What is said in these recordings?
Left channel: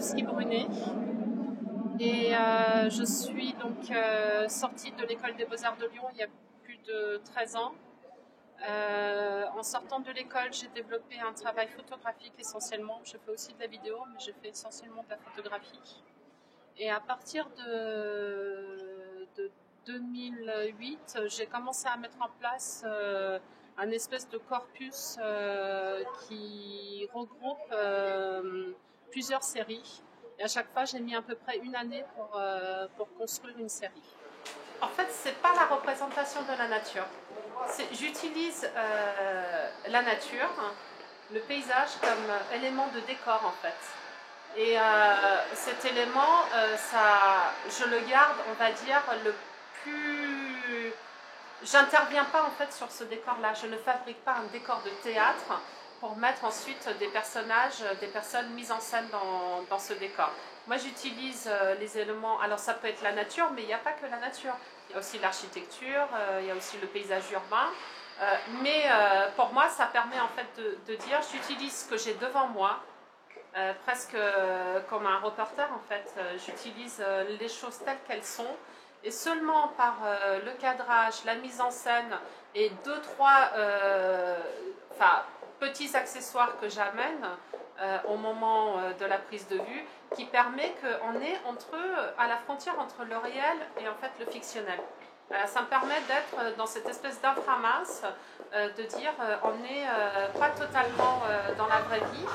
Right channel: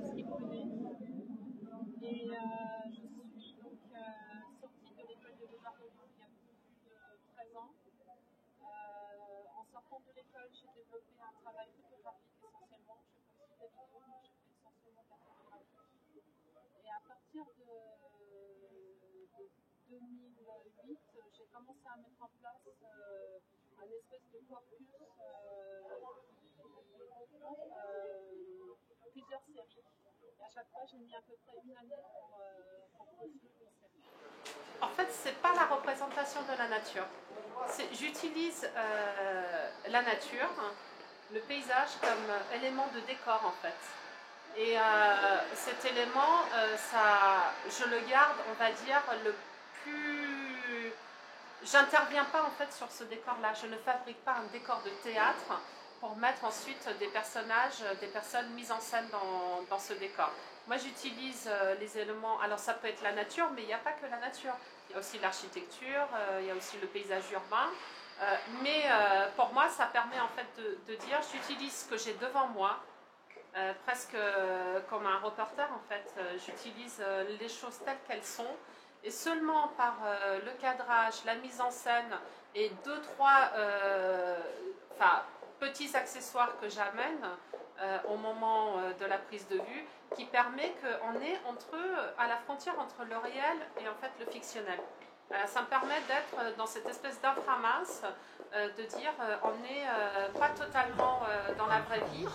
Sandowski-Brunet et je suis donc sortie de l'école des Beaux-Arts de Lyon il y a plus de 13 ans. En sortant de l'école, j'ai développé un travail photographique essentiellement. Je fais aussi de la vidéo, mais je fais essentiellement de la photographie. Et à partir de 2008, j'ai commencé à mettre en place un espèce de corpus qui regroupe plusieurs séries. Et à chaque fois, j'ai mis à peu près une année pour construire une série. En fait, c'est pas la représentation de la nature. J'utilise la nature, le paysage comme élément de décor en fait. Et cet élément, je le garde, on va dire, le plus... J'interviens pas en fait sur ce décor-là. Je ne fabrique pas un décor de théâtre pour mettre ensuite des personnages, des personnes mises en scène dans ce décor. Moi, j'utilise les éléments. Alors, ça peut être la nature, mais il n'y a pas que la nature. Il y a aussi l'architecture, il y a aussi le paysage urbain. Mais pour moi, ça permet en fait de dire, j'utilise ce que j'ai devant moi, presque comme un reporter en fait. J'utilise les choses telles qu'elles sont. Et seulement par le cadrage, la mise en scène et deux, trois petits accessoires que j'amène au moment de la prise de vue, qui permet qu'on est à la frontière entre le réel et en fait le fictionnel. Ça me permet d'être dans cette espèce d'inframasse, de dire on n'est pas totalement dans la vraie vie,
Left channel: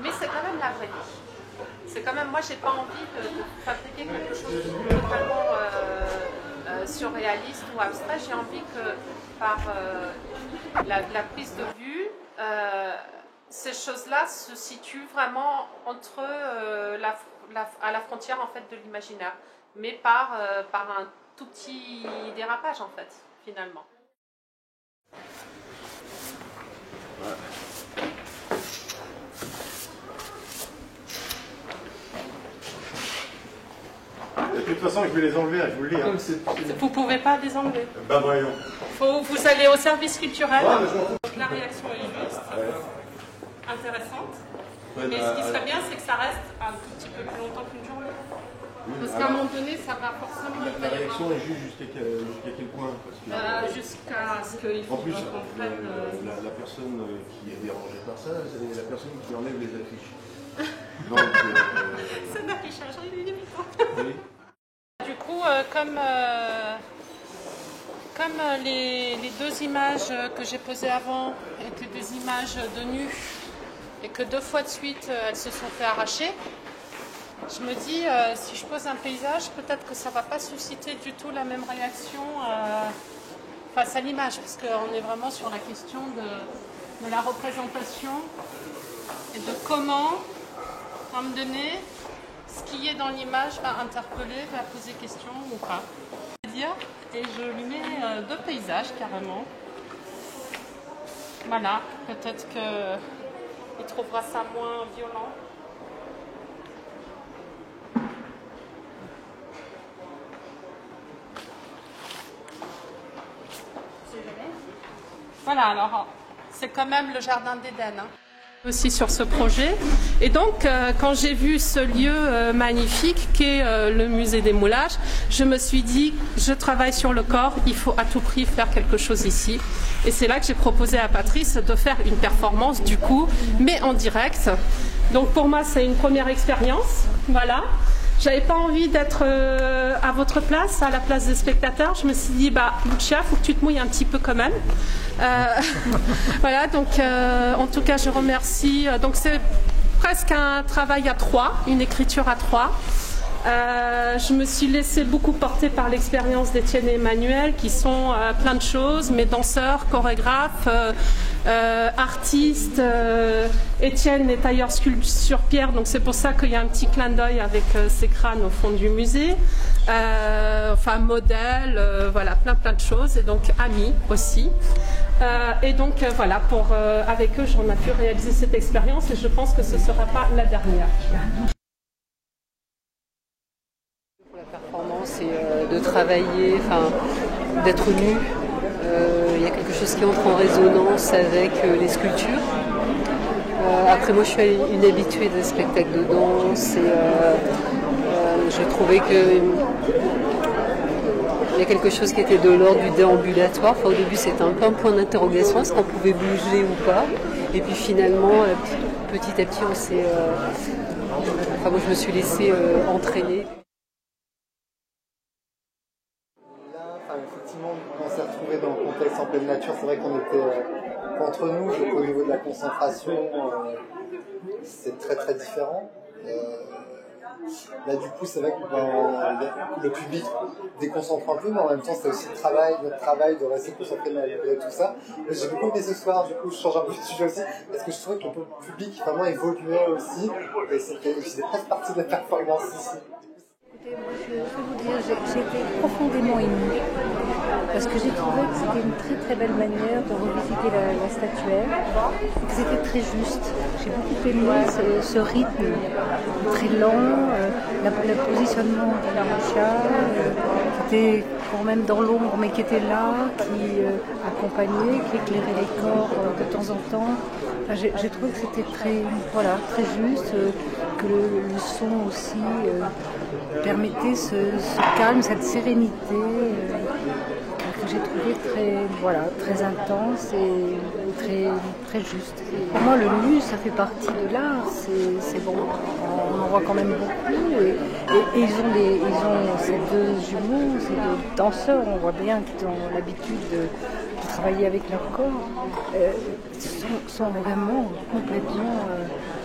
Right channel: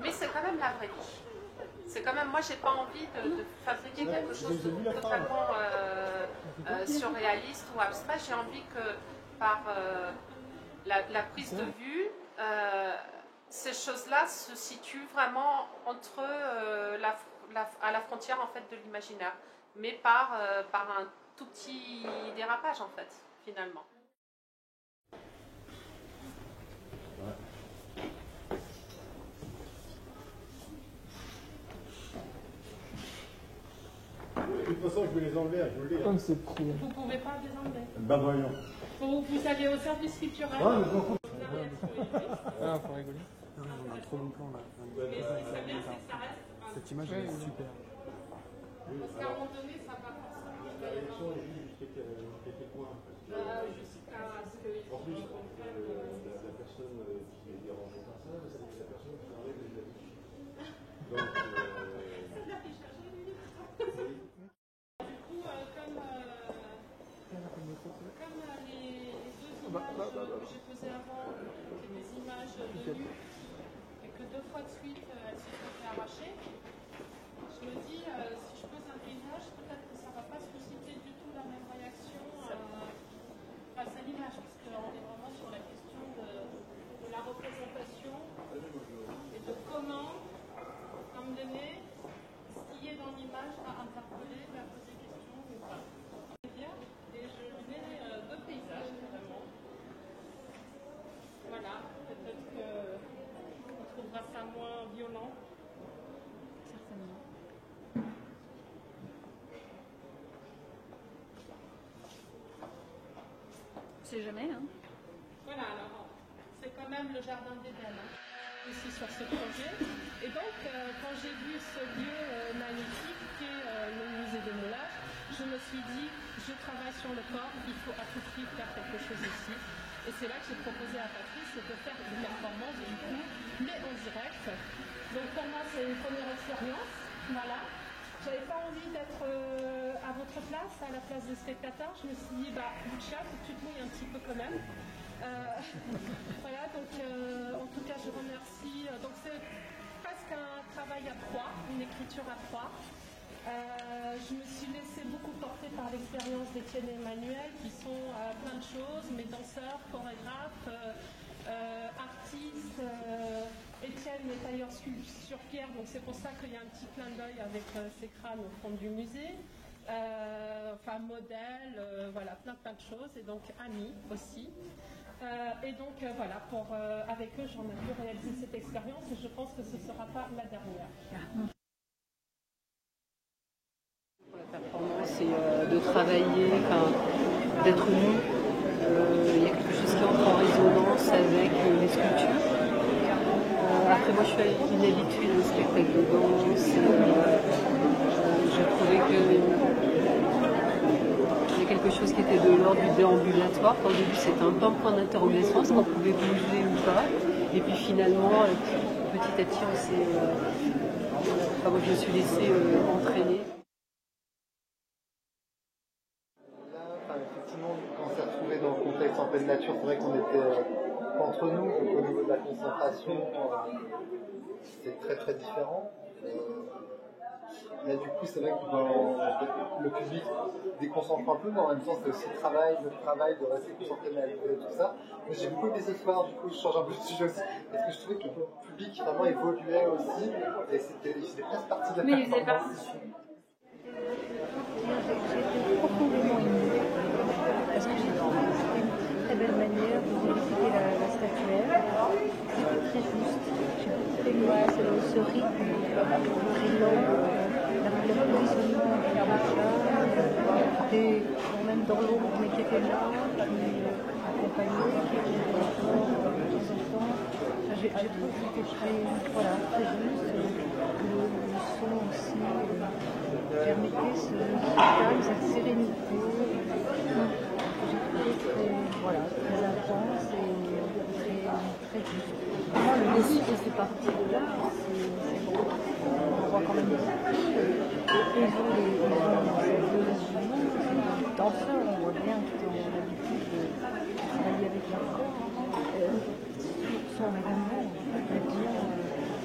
mais c'est quand même la vraie vie. C'est quand même, moi j'ai pas envie de fabriquer quelque chose de totalement surréaliste ou abstrait. J'ai envie que par la prise de vue, ces choses-là se situent vraiment entre à la frontière en fait de l'imaginaire, mais par un tout petit dérapage en fait, finalement. Ouais. De toute façon, je vais les enlever, je vous le dis. Hein. Vous ne pouvez pas les enlever. Bah voyons. Vous allez au service culturel. Ouais, la réaction est juste, intéressante. Ouais, mais ce qui serait bien, c'est que ça reste un tout petit peu plus longtemps qu'une journée. Parce qu'à un moment donné, ça va forcément... La réaction est juste jusqu'à quel point jusqu'à ce qu'il faut qu'on prenne... La personne qui est dérangée par ça, c'est la personne qui enlève les affiches. Donc, c'est un affichage, il est limitant. Oui. Du coup, comme les deux images que j'ai posées avant étaient des images de nu et que 2 fois de suite elles se sont fait arracher, je me dis si je pose un paysage, peut-être que ça ne va pas susciter du tout la même réaction face à l'image, parce qu'on est vraiment sur la question de la représentation et de comment, à un moment donné, ce qui est dans l'image va interpeller, va poser question ou pas. Et je lui mets 2 paysages carrément. Voilà, peut-être qu'il trouvera ça moins violent. Voilà, alors c'est quand même le jardin d'Éden. Hein. Aussi sur ce projet. Et donc, quand j'ai vu ce lieu magnifique qu'est le musée des moulages, je me suis dit, je travaille sur le corps, il faut à tout prix faire quelque chose ici. Et c'est là que j'ai proposé à Patrice de faire une performance du coup, mais en direct. Donc pour moi, c'est une première expérience. Voilà. J'avais pas envie d'être à votre place, à la place des spectateurs. Je me suis dit, bah, Lucia, faut que tu te mouilles un petit peu quand même. Voilà, donc en tout cas, je remercie. Donc c'est presque un travail à 3, une écriture à 3. Je me suis laissée beaucoup porter par l'expérience d'Étienne et Emmanuel, qui sont plein de choses, mes danseurs, chorégraphes, artistes. Étienne est tailleur sur pierre, donc c'est pour ça qu'il y a un petit clin d'œil avec ces crânes au fond du musée. Enfin, modèle, voilà, plein de choses, et donc amis aussi. Et donc voilà, avec eux, on a pu réaliser cette expérience, et je pense que ce ne sera pas la dernière. La performance et de travailler, d'être nu. Il y a quelque chose qui entre en résonance avec les sculptures. Après, moi, je suis une habituée des spectacles de danse et je trouvais que il y a quelque chose qui était de l'ordre du déambulatoire. Enfin, au début, c'était un peu un point d'interrogation, est-ce qu'on pouvait bouger ou pas. Et puis finalement, petit à petit, moi, je me suis laissée entraîner. Effectivement, on s'est retrouvés dans le contexte en pleine nature. C'est vrai qu'on était entre nous, donc au niveau de la concentration, c'est très très différent. Là, du coup, c'est vrai que le public déconcentre un peu, mais en même temps, c'est aussi notre travail de rester concentré malgré tout ça. J'ai beaucoup aimé ce soir, du coup, je change un peu de sujet aussi, parce que je trouvais que le public vraiment évoluait aussi, et c'était presque partie de la performance ici. Je peux vous dire, j'ai été profondément émue parce que j'ai trouvé que c'était une très très belle manière de revisiter la statuaire et que c'était très juste. J'ai beaucoup aimé ce rythme très lent, le positionnement du chat qui était quand même dans l'ombre mais qui était là, qui accompagnait, qui éclairait les corps de temps en temps. Enfin, j'ai trouvé que c'était très juste, que le son aussi permettait ce calme, cette sérénité que j'ai trouvé très intense et très juste. Pour moi, le nu, ça fait partie de l'art, c'est bon. On en voit quand même beaucoup. Et ils ont ces deux jumeaux, ces deux danseurs, on voit bien qu'ils ont l'habitude de travailler avec leur corps, sont vraiment complètement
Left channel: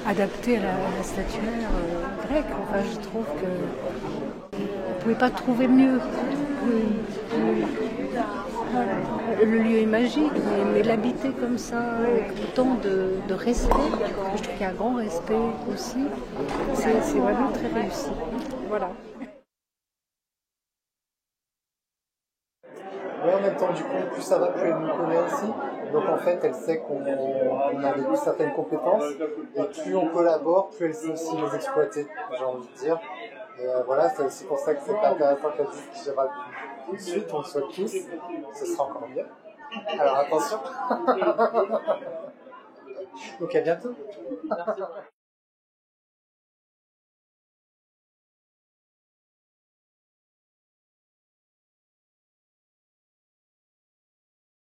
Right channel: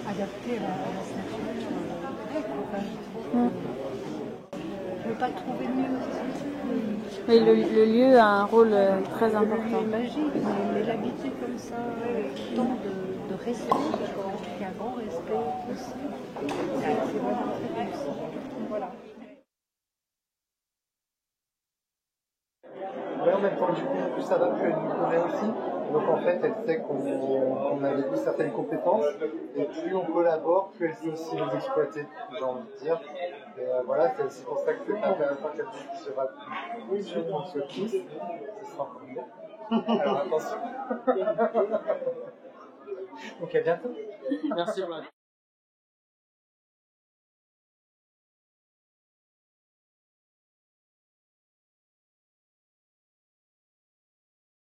adaptés à la statuaire grecque. Enfin, je trouve que on ne pouvait pas trouver mieux. Et le lieu a un rôle très important. Le lieu est magique, mais l'habiter comme ça, avec autant de respect, je trouve qu'il y a un grand respect aussi, c'est vraiment très réussi. Voilà. Mais en même temps, du coup, plus ça va, plus elle nous connaît ici. Donc en fait, elle sait qu'on a vécu certaines compétences, et plus on collabore, plus elle sait aussi les exploiter, j'ai envie de dire. Et voilà, c'est aussi pour ça que c'est intéressant qu'elle dise qu'il y aura plus de suite, on le souhaite tous, ce sera encore mieux. Alors attention. Donc à bientôt. Merci.